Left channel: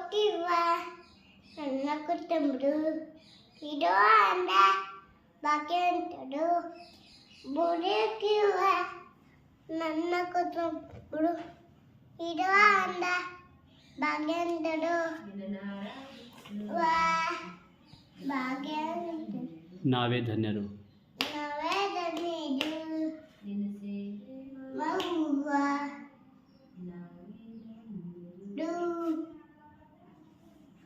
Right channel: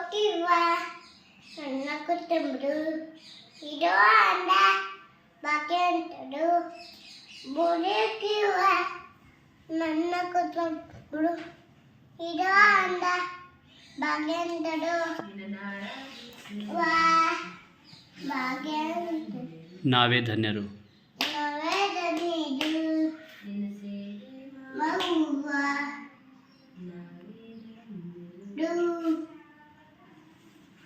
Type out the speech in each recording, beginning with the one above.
നോക്കിവാ എണ്ണക്കുത്തുമ്പോ ഇടോ അണ്ട ബാക്കി ഉണ്ടോ ബുദ്ധിക്കുവാ నన్నకుతుడు ఇదో అంద భగవంతుడు నావే ధన్యరు నావే ధన్యుడు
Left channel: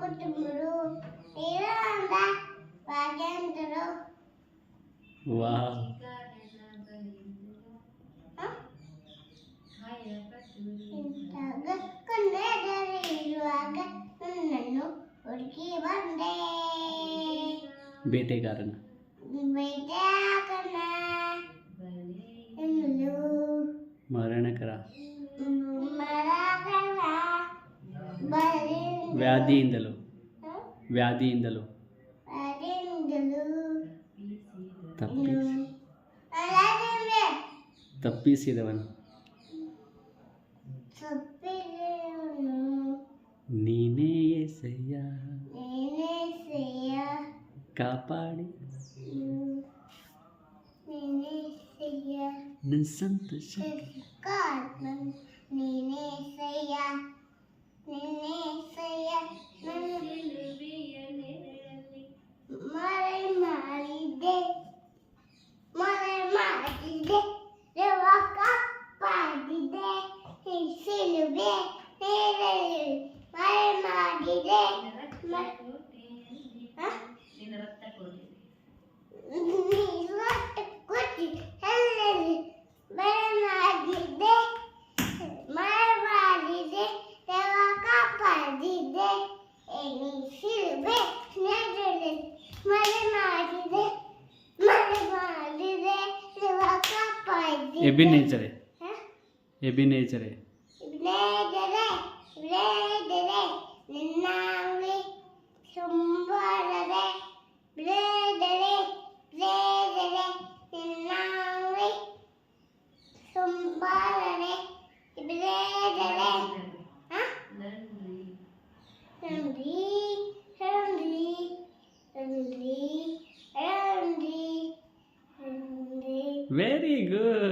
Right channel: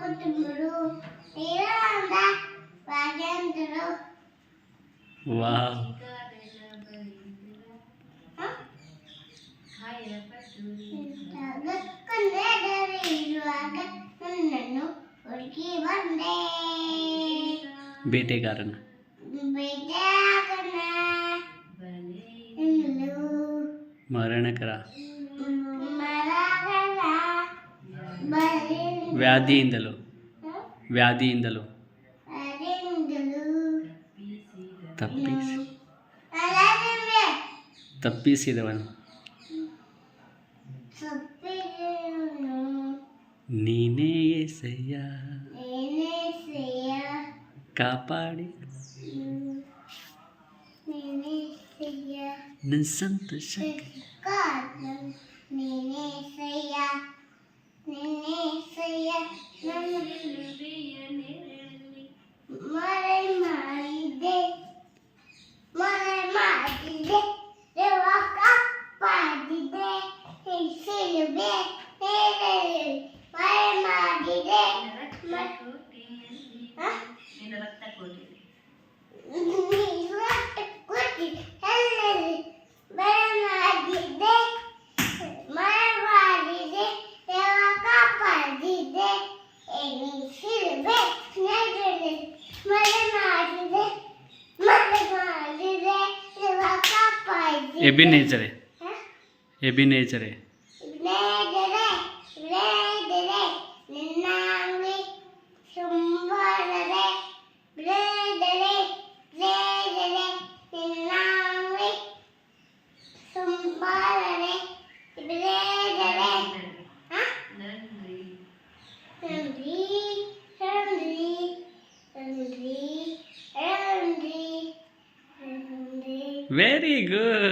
ನನ್ನ ಕುಟುಂಬರು ಇರಂದ ಭಾಗ್ಯಂತರು ವಾವ್ ಇರುವಾಗ ನನ್ನನ್ನು ಹುಡುಕಿ ಬಂದೆ ಬೇಟೆಗಾರನ ಬೇಟಾಗನ ಇನ್ನು ಮರಣಕರ ಮರಗಳ ಬರಿ ವ್ಯಾಧಿಯಿಂದಲೂ. ವ್ಯಾಧಿಯಿಂದಲೂ. ತಪ್ಪಿಸಿ. ತಪ್ಪಿಸಿದವನು. ನೀನೇ ಎಸೆಯ. ಕಾಪಾಡಿ. ನನ್ನ ಸಂತೋಷ ಸಿಲುಬೆ ಮೇಲೆರಳಿ ಮರೆ ಮಾಡಿದೆ ಹ? ನೀರೊಟ್ಟು ಕುಟ್ಟಿ ಎಲ್ಲೆಲ್ಲಿ ಮರೆ ಮಾಡಿದೆ ಮರೆ ಮಾಡಿದೆ ದೇವ ಕಾಪಾಡಿದೆ ಎಣಿಸಿರುವೆ ನೆರಳಿ ಮರೆ ಮಾಡಿದೆ ಮರೆ ಮಾಡಿದೆ ದೇವ ಕಾಪಾಡಿದೆ ಎಬಿನೇಜರೆ ಹ? ಎಬಿನೇಜರೆ ಬ್ಲೇದರೆ Very good.